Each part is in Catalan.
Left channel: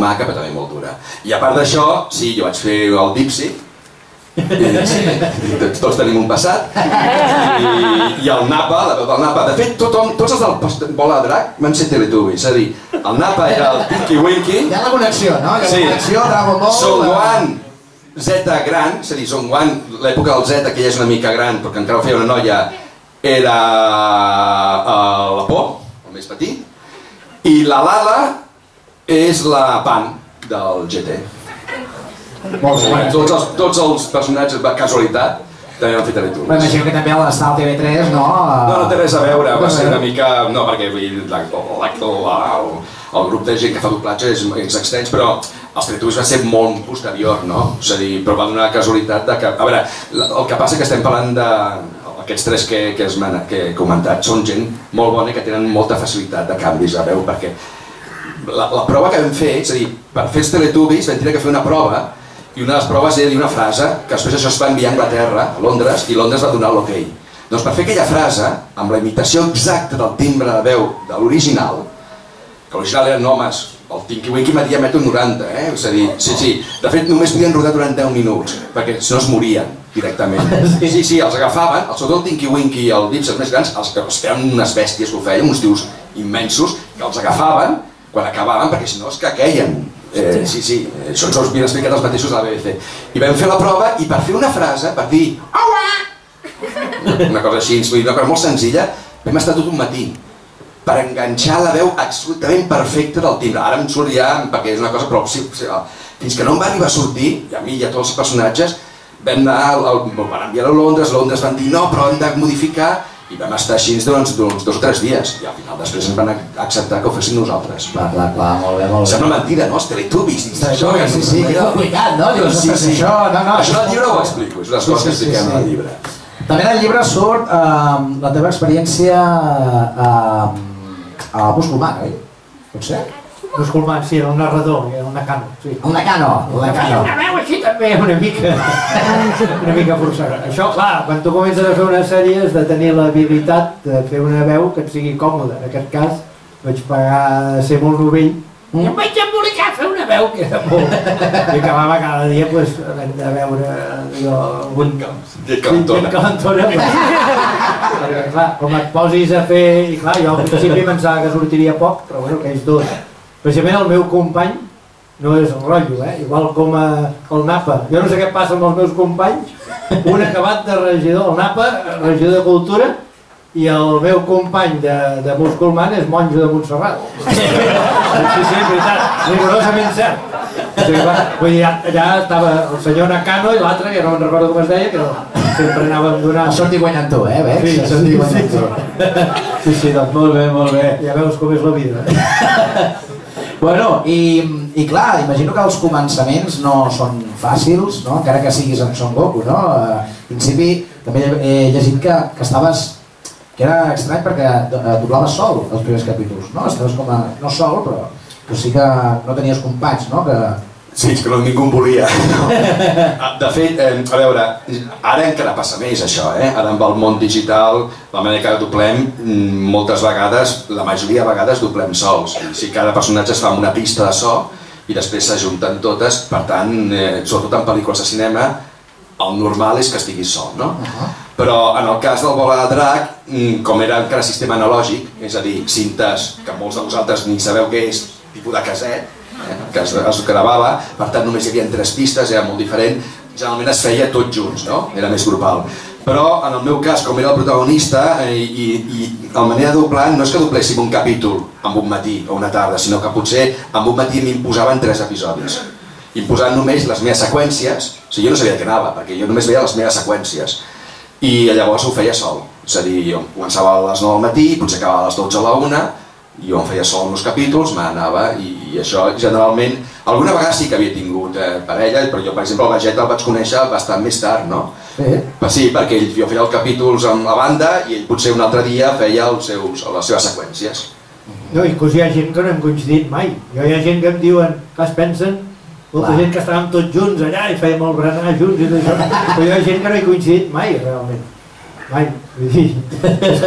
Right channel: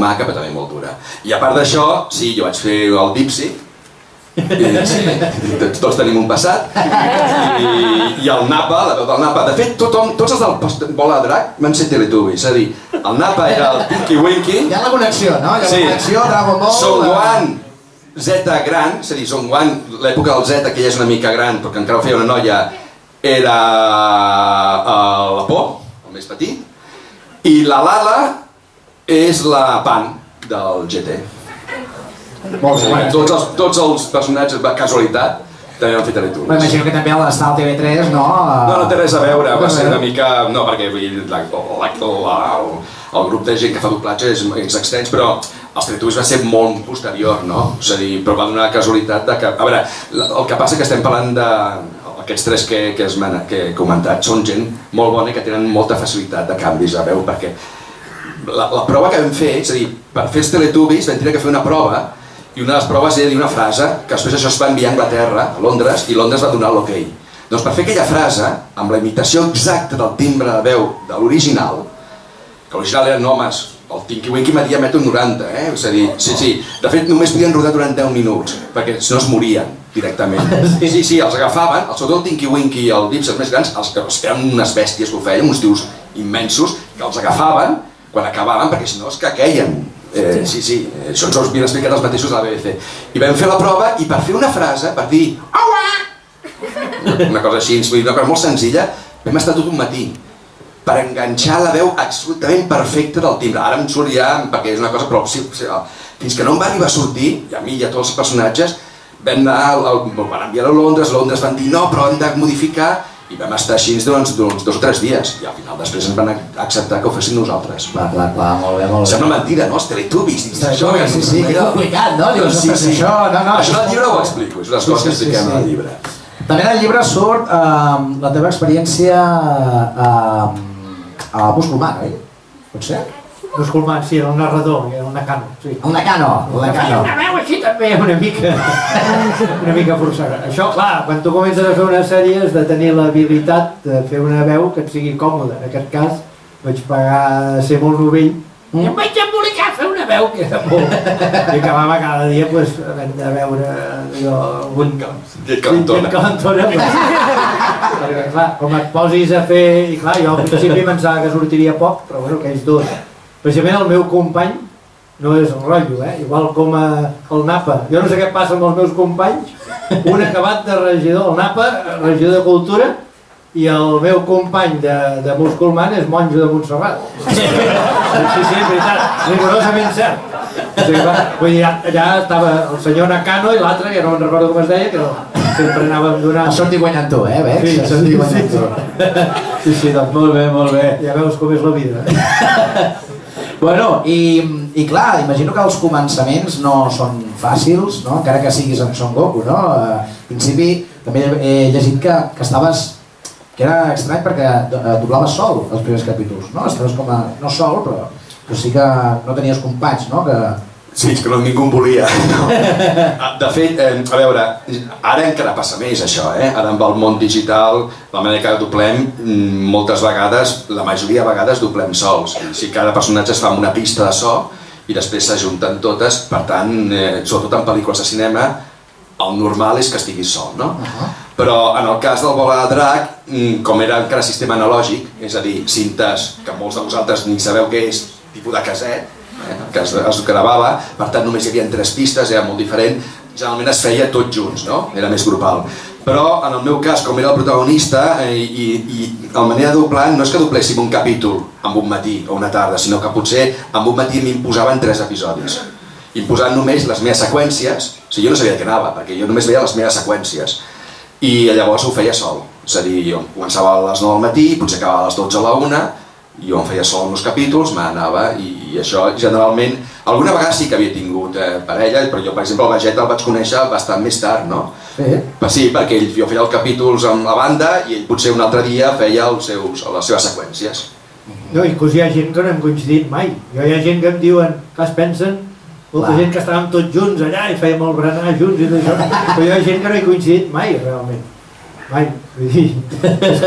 maca, però també molt dura. I a part d'això, sí, jo vaig fer el Dipsy, tots tenim un passat, i el Napa, la veu del Napa. De fet, tots els del Bola de Drac van ser Teletubbies, és a dir, el Napa era el Tinky Winky. Hi ha la connexió, no? Hi ha la connexió, Dragon Ball... Son Gohan, Z gran, és a dir, Son Gohan, l'època del Z, que ja és una mica gran, perquè encara ho feia una noia, era la Por, el més petit, i la Lala és la Pan del GT. Tots els personatges, per casualitat, també van fer Teletubbies. M'imagino que també a l'estar al TV3, no? No té res a veure, va ser una mica... No, perquè el grup de gent que fa doblatge és extens, però els Teletubbies va ser molt posterior, no? És a dir, però va donar la casualitat de que... A veure, el que passa que estem parlant de... Aquests tres que he comentat són gent molt bona i que tenen molta facilitat de canvis de veu, perquè la prova que vam fer, és a dir, per fer els Teletubbies vam tenir que fer una prova, i una de les proves era dir una frase que després això es va enviar a Anglaterra, a Londres, i Londres va donar l'ok. Doncs per fer aquella frase, amb la imitació exacta del timbre de veu de l'original, que l'original eren homes, el Tinky Winky media 1,90 m, és a dir, sí, de fet només podien rodar durant 10 minuts, perquè si no es morien directament. Sí, els agafaven, sobretot el Tinky Winky i el Dipsy, els més grans, eren unes bèsties que ho feien, uns tios immensos, que els agafaven quan acabaven, perquè si no es queien. Sí, això ens ho havien explicat els mateixos de la BBC. I vam fer la prova i per fer una frase, per dir aua! Una cosa així, una cosa molt senzilla, vam estar tot un matí per enganxar la veu absolutament perfecta del timbre. Ara em surt ja, perquè és una cosa, però fins que no em va arribar a sortir, i a mi i a tots els personatges, vam enviar-ho a Londres, Londres van dir no, però hem de modificar, i vam estar així doncs 2 o 3 dies, i al final després ens van acceptar que ho fessin nosaltres. Clar, molt bé. Sembla mentira, no? Els Teletubbies, sí, que complicat, no? Sí, això al llibre ho explico, és una cosa que expliquem al llibre. També en el llibre surt la teva experiència a Buscolman, oi? Pot ser? Buscolman, sí, era un narrador, era un Nakano. El Nakano. Feia una veu així també, una mica forçada. Això, clar, quan tu comences a fer una sèrie has de tenir l'habilitat de fer una veu que et sigui còmoda. En aquest cas vaig pagar a ser molt novell i em vaig embolicar a fer una veu que era molt... I acabava cada dia havent de veure algun... Llet calentona. Perquè, clar, com et posis a fer... I clar, jo al principi pensava que sortiria poc, però bueno, aquells dos. Precisament el meu company no és el rotllo, igual com el Napa. Jo no sé què passa amb els meus companys, un acabat de regidor, el Napa, regidor de Cultura, i el meu company de Buscolman és monjo de Montserrat. Sí, és veritat, rigorosament cert. Vull dir, allà estava el senyor Nakano i l'altre, que no me'n recordo com es deia, que sempre anàvem donant... Això et dic guanyant tu, Bex? Això et dic guanyant tu. Sí, doncs molt bé. Ja veus com és la vida. Bueno, i clar, imagino que els començaments no són fàcils, no? Encara que siguis en Son Goku, no? En principi, també he llegit que estaves... que era estrany perquè doblaves sol els primers capítols, no? Estaves com a... no sol, però sí que no tenies companys, no? Sí, és que ningú em volia. De fet, a veure, ara encara passa més això, ara amb el món digital, la manera que doblem, moltes vegades, la majoria de vegades doblem sols. Si cada personatge es fa amb una pista de so i després s'ajunten totes, per tant, sobretot en pel·lícules de cinema, el normal és que estiguis sol, no? Però en el cas del Bola de Drac, com era encara sistema analògic, és a dir, cintes que molts de vosaltres ni sabeu què és, tipus de caset, que es gravava, per tant només hi havia 3 pistes, era molt diferent, generalment es feia tots junts, no? Era més grupal. Però en el meu cas, com era el protagonista, i la manera de doblar no és que dobléssim un capítol en un matí o una tarda, sinó que potser en un matí m'imposaven 3 episodis. Imposant només les meves seqüències, o sigui, jo no sabia de què anava, perquè jo només veia les meves seqüències. I llavors ho feia sol, és a dir, jo començava a les 9 del matí, potser acabava a les 12 a la 1, jo em feia sol en els capítols, m'anava, i això generalment, alguna vegada sí que havia tingut parella, però jo per exemple el Vegeta el vaig conèixer bastant més tard, no? Sí, perquè jo feia els capítols amb la banda i ell potser un altre dia feia les seves seqüències. No, inclús hi ha gent que no hem coincidit mai, hi ha gent que em diuen, que es pensen, molta gent que estàvem tots junts allà i fèiem el berenar junts i tot això, però hi ha gent que no he coincidit mai, realment. Mai, vull dir,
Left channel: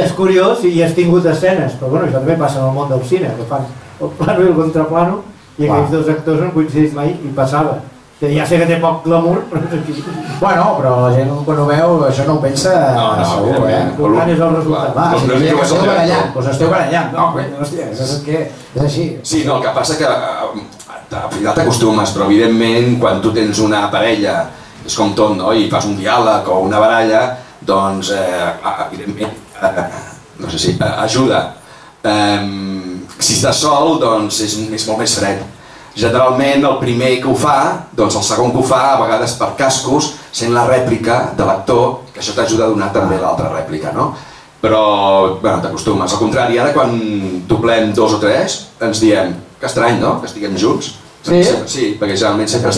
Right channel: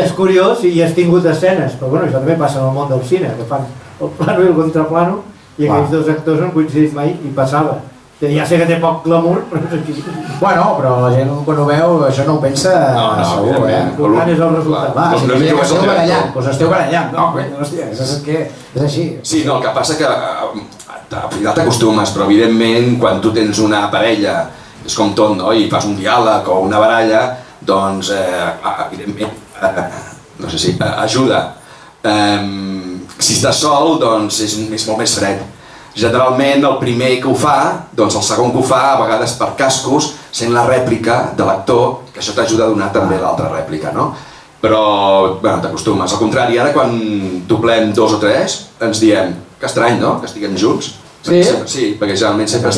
és curiós i has tingut escenes, però bueno, això també passa en el món del cine, que fan el plano i el contraplano i aquells dos actors no han coincidit mai i passava. Ja sé que té poc glamour, però és aquí. Bueno, però la gent quan ho veu això no ho pensa segur, L'important és el resultat. Va, si esteu barallant, doncs esteu barallant. No, hòstia, és així. Sí, no, el que passa que al final t'acostumes, però evidentment quan tu tens una parella, és com tot, no? I fas un diàleg o una baralla, doncs evidentment, no sé si ajuda. Si estàs sol, doncs és molt més fred. Generalment el primer que ho fa, doncs el segon que ho fa, a vegades per cascos, sent la rèplica de l'actor, que això t'ajuda a donar també l'altra rèplica, no? Però, bueno, t'acostumes. Al contrari, ara quan doblem 2 o 3, ens diem que estrany, no?, que estiguem junts. Sí? Sí, perquè generalment sempre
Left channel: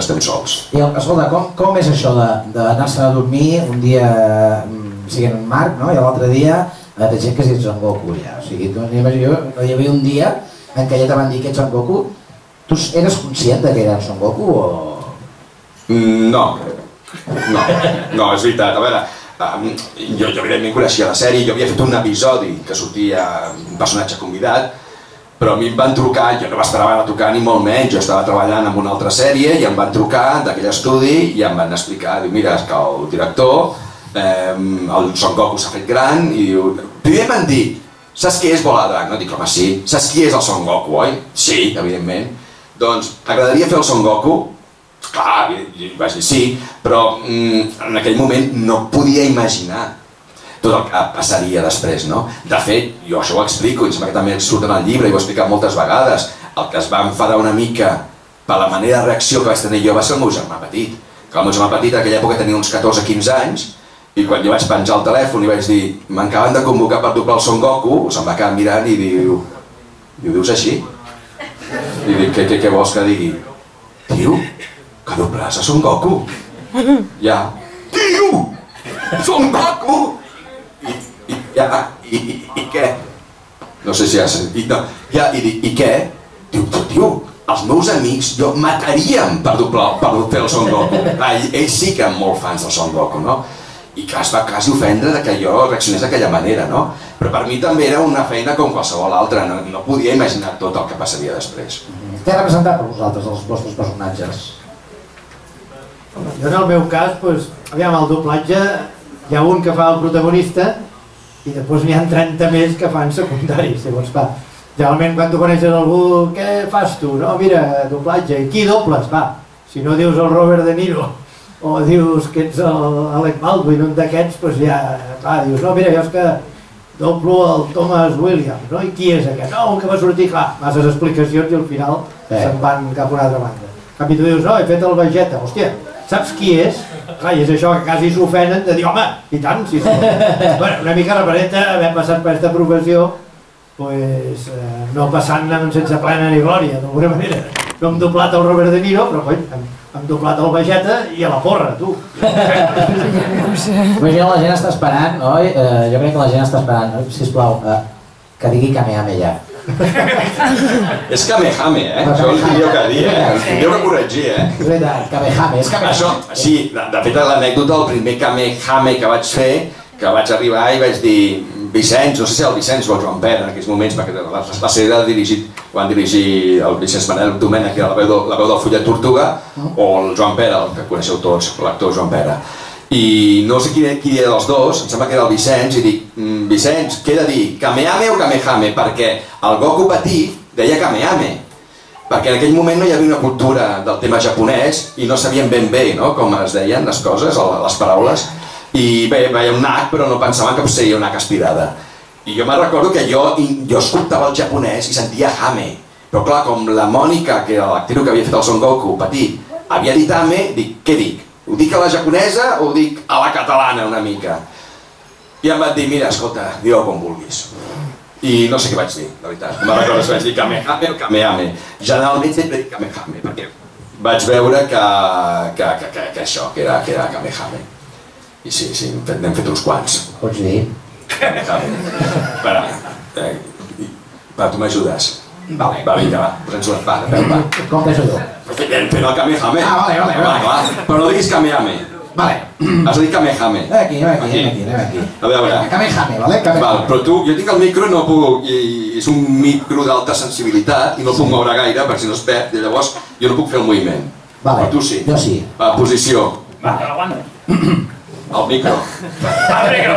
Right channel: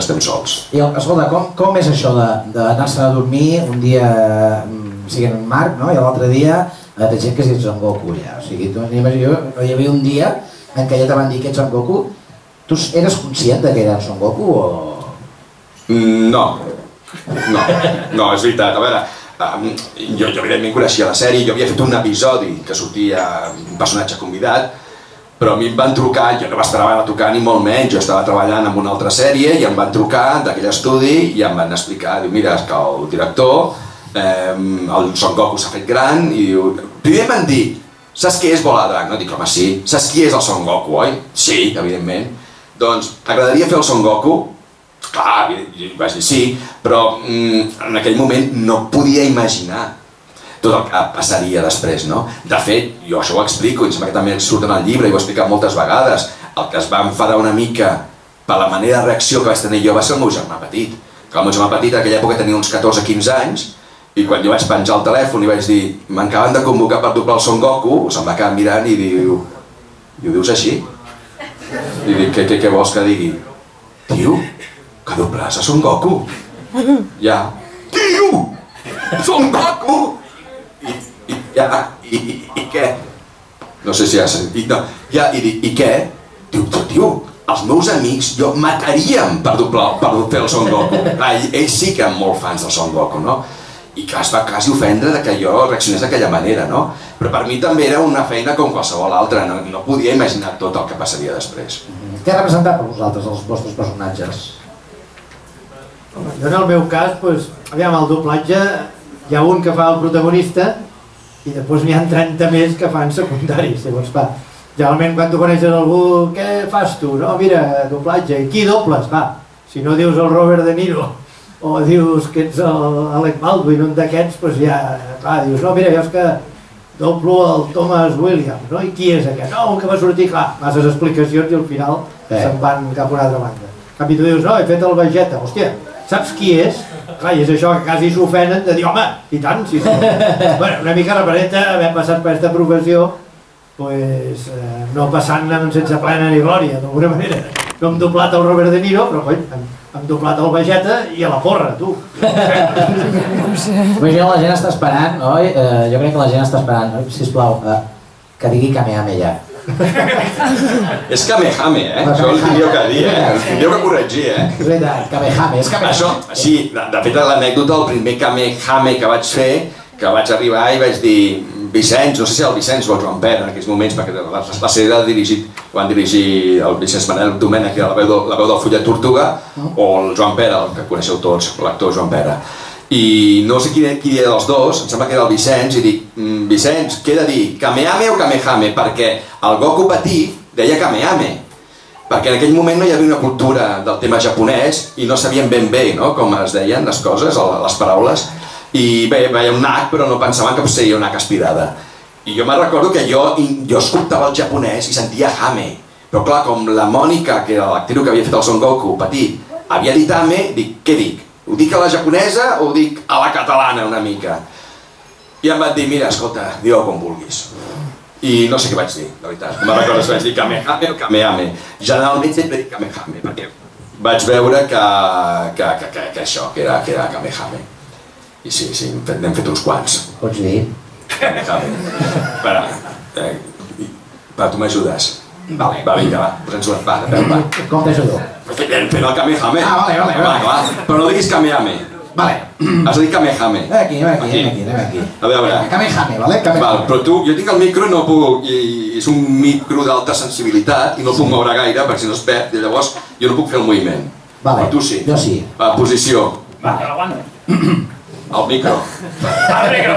estem sols. I, escolta, com és això d'anar-se a dormir un dia siguent en Marc, no?, i l'altre dia té gent que si ets en Goku, ja. O sigui, jo hi havia un dia en què ja te van dir que ets en Goku. Tu eres conscient que era en Son Goku o...? No, és veritat. A veure, jo evidentment coneixia la sèrie, jo havia fet un episodi que sortia un personatge convidat, però a mi em van trucar, jo no m'esperava a trucar ni molt menys, jo estava treballant en una altra sèrie i em van trucar d'aquell estudi i em van explicar, diu, mira, que el director, el Son Goku s'ha fet gran i diu, primer em van dir, saps qui és Bola de Drac? No, dic, home, sí. Saps qui és el Son Goku, oi? Sí, evidentment. Doncs, t'agradaria fer el Son Goku? Clar, i vaig dir sí, però en aquell moment no podia imaginar tot el que passaria després, no? De fet, jo això ho explico, i em sembla que també surt en el llibre, i ho he explicat moltes vegades, el que es va enfadar una mica per la manera de reacció que vaig tenir jo va ser el meu germà petit. Que el meu germà petit en aquella època tenia uns 14-15 anys, i quan jo vaig penjar el telèfon i vaig dir m'acaben de convocar per doblar el Son Goku, se'm va quedar mirant i diu, ho dius així? I dic, què vols que digui? Tio, que doblàs a Son Goku? Ja. Tio! Son Goku! I què? No sé si has sentit, no. Ja, i dic, i què? Diu, tio, els meus amics jo mataríem per fer el Son Goku. Ells sí que eren molt fans del Son Goku, no? I que es va quasi ofendre que jo reaccionés d'aquella manera, no? Però per mi també era una feina com qualsevol altra, no podia imaginar tot el que passaria després. Què ha representat per vosaltres els vostres personatges? Jo en el meu cas, aviam, el doblatge, hi ha un que fa el protagonista i després n'hi ha 30 més que fan secundaris, llavors va. Generalment quan tu coneixes algú, què fas tu? No, mira, doblatge, i qui dobles? Va, si no dius el Robert De Niro o dius que ets l'Alec Baldwin, un d'aquests, doncs ja, clar, dius, no, mira, jo és que doblo el Thomas Williams, no? I qui és aquest? No, un que va sortir, clar, masses explicacions i al final se'n van cap a una altra banda. En canvi tu dius, no, he fet el Vegeta, hòstia, saps qui és? Clar, i és això que quasi s'ofenen de dir, home, i tant, sí. Bueno, una mica representa haver passat per aquesta professió, doncs, no passant-ne sense plena ni glòria, d'alguna manera. No hem doblat el Robert De Niro, però hem doblat el Vegeta i a la porra, tu. Imagina, la gent està esperant, oi? Jo crec que la gent està esperant, sisplau, que digui Kamehame ja. És Kamehame, això el tindríeu que dir, el tindríeu que corregir, És veritat, Kamehame, és Kamehame. Això, sí, de fet l'anècdota, el primer Kamehame que vaig fer, que vaig arribar i vaig dir Vicenç, no sé si el Vicenç o el Joan Pere en aquells moments, perquè la sèrie ho van dirigir el Vicenç Manel Domènech, que era la veu del Follet Tortuga, o el Joan Pere, el que coneixeu tots, l'actor Joan Pere. I no sé qui era dels dos, em sembla que era el Vicenç, i dic, Vicenç, què he de dir, Kamehame o Kamehame? Perquè el Goku petit deia Kamehame, perquè en aquell moment no hi havia una cultura del tema japonès i no sabien ben bé com es deien les coses, les paraules, i bé, veia un nac, però no pensaven que seria una nac aspirada. I jo me'n recordo que jo escoltava el japonès i sentia Hame, però clar, com la Mònica, que era l'actriu que havia fet el Son Goku petit, havia dit Hame, dic, què dic? Ho dic a la japonesa o ho dic a la catalana una mica? I em van dir, mira, escolta, digue-ho com vulguis. I no sé què vaig dir, de veritat. Me'n recordo si vaig dir Kamehame o Kamehame. Generalment sempre dic Kamehame, perquè vaig veure que això, que era Kamehame. I sí, n'hem fet uns quants. Pots dir? Espera, tu m'ajudes? Vale, vinga, va, posa'ns una va. Com t'ajudo? Fent el Kamehame. Ah, vale. Però no diguis Kamehame. Vale. Has de dir Kamehame. Aquí. A veure. Kamehame, vale? Val, però tu, jo tinc el micro i no puc, i és un micro d'alta sensibilitat i no el puc moure gaire perquè si no es perd, i llavors jo no puc fer el moviment. Vale. Però tu sí. Jo sí. Va, posició. Va, aguanta. El micro. Negro.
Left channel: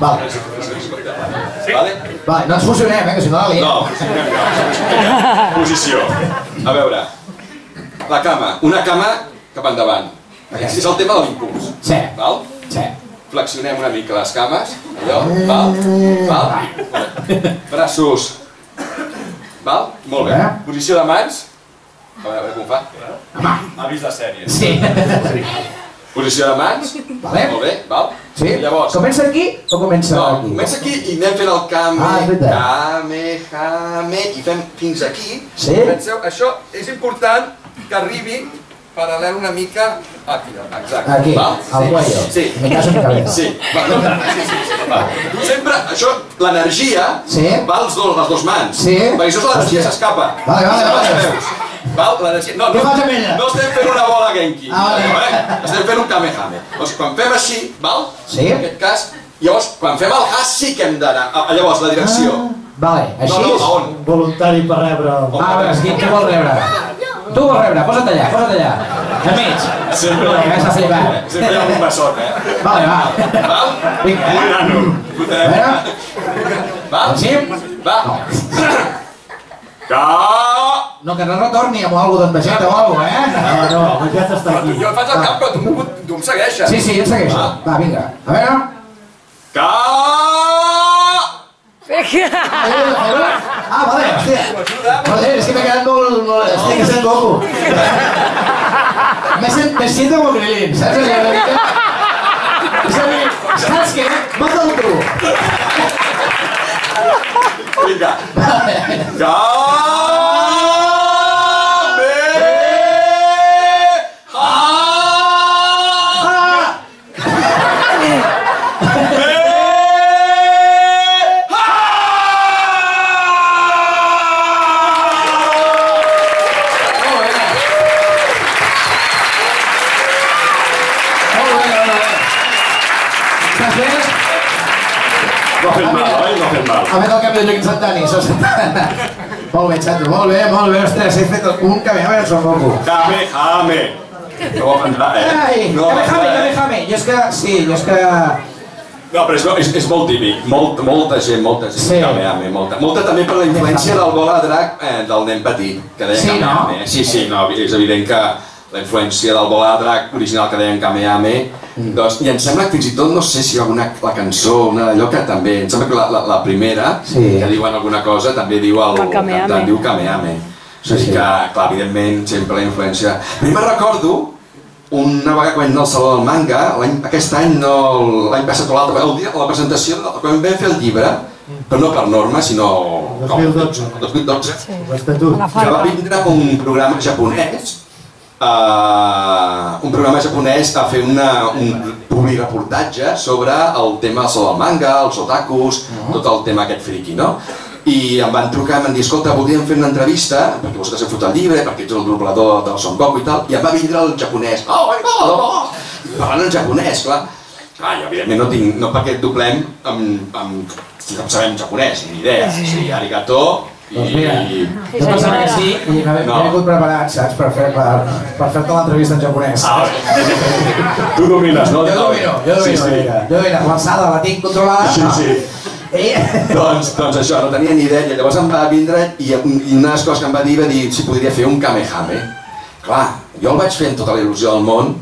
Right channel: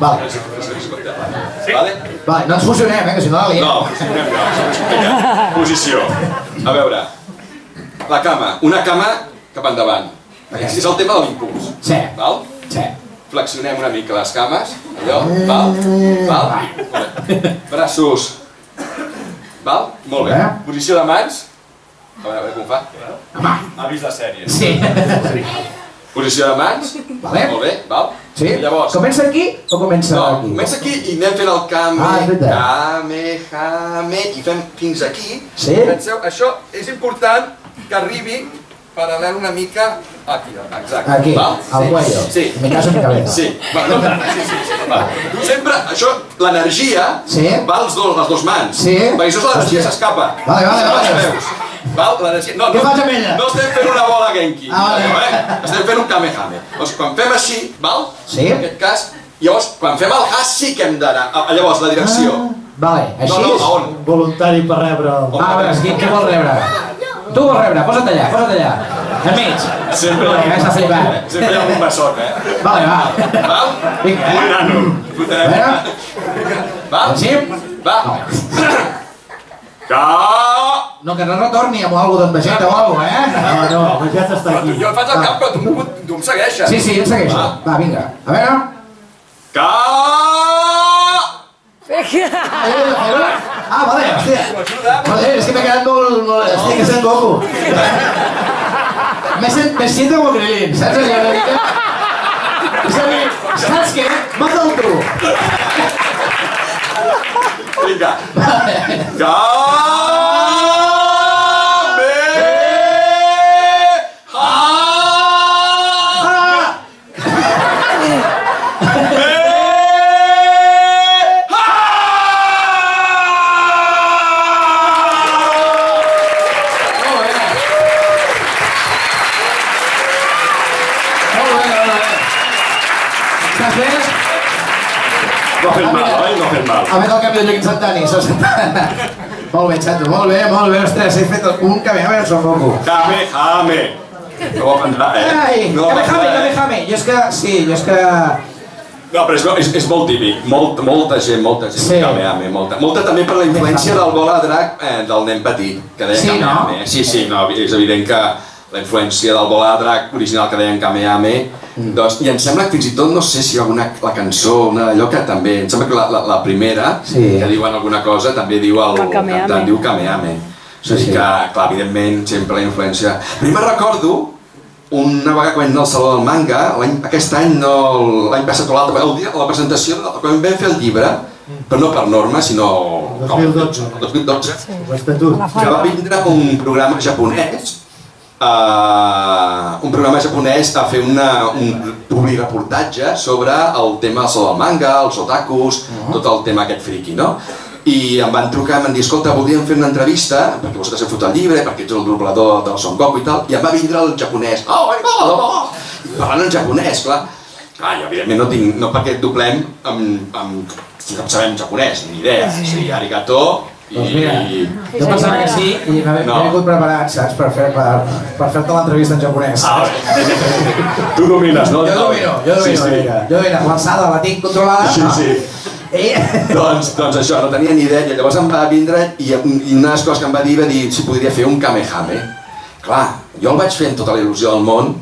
Vale. Vale? Vale, no ens fusionem, que si no la liem. No, posició. A veure, la cama. Una cama cap endavant. És el tema de l'impuls. Sí. Val? Sí. Flexionem una mica les cames. Allò, val? Braços. Val? Molt bé. Posició de mans. A veure com fa. Ha vist la sèrie. Sí. Posició de mans. Vale. Molt bé, val? Sí. Llavors... Comença aquí o comença No, aquí? comença aquí i anem fent el Kamehame i fem fins aquí. Sí. Penseu, això és important que arribi paral·lel una mica aquí, exacte. Aquí, val? al cuello. Sí. En mi caso en mi cabeza. Sí. Va, no, sí. Va. Tu sempre, això, l'energia va als les dues mans. Sí. Perquè això és l'energia s'escapa. Vale. Val? L'energia... No, Què fas amb ella? No estem fent una bola Genki. Vale. Estem fent un Kamehame. Doncs quan fem així, val? Sí. En aquest cas, llavors, quan fem el has sí que hem d'anar. Llavors, la direcció. Vale, així? No, a on? Voluntari per rebre... A veure, qui vol rebre? Tu vols rebre, posa't allà. Enmig. Sempre Està flipant. Sempre hi ha un bessot, Vale, va. Val? Vinga, Un nano. A veure. Val? Sí? Va. No, que no retorni amb alguna cosa d'envejeta o alguna cosa, No, ja està aquí. Jo faig el cap, però tu em segueixes. Sí, em segueixo. Va, vinga. A veure. Vale, hòstia. Joder, és que m'he quedat molt... Hòstia, que sent Goku. Me siento como Krilin, saps? És a dir, saps què? Mata'l tu. Vinga. No ha fet mal, oi? No ha fet mal. Ha fet el canvi de lloc instantani, Molt bé, Xato, molt bé, ostres, he fet un Kamehame en Son Goku. Kamehame. No ho aprendrà, Ai, Kamehame. Jo és que... No, però és molt típic. Molta gent, Kamehame. Molta també per la influència del bola de drac del nen petit, que deia Kamehame. Sí, no, és evident que la influència del bola de drac original que deien Kamehame. I em sembla que fins i tot, no sé si hi ha la cançó, allò que també, em sembla que la primera, que diuen alguna cosa, també diu el cantant, diu Kamehame. O sigui que, clar, evidentment, sempre la influència... A mi me'n recordo una vegada que vam anar al Saló del Manga, aquest any, l'any passat o l'altre, el dia de la presentació, quan vam fer el llibre, però no per norma, sinó... 2012. 2012. L'Estatut. Que va vindre un programa japonès a fer un publireportatge sobre el tema del Saló del Manga, els otakus, tot el tema aquest friki, no? I em van trucar i em van dir, escolta, voldríem fer una entrevista, perquè vosaltres heu fet el llibre, perquè ets el doblador del Son Goku i tal, i em va vindre el japonès, parlant en japonès, clar. Clar, jo evidentment no perquè doblem si no sabem japonès, ni idea, sí, arigato, Doncs mira, jo pensava que sí i m'he vingut preparat, saps, per fer-te l'entrevista en japonès. Tu domines, no? Jo domino, l'avançada la tinc controlada. Sí. Doncs això, no tenia ni idea, i llavors em va vindre i una de les coses que em va dir si podria fer un Kamehame. Clar, jo el vaig fer amb tota la il·lusió del món,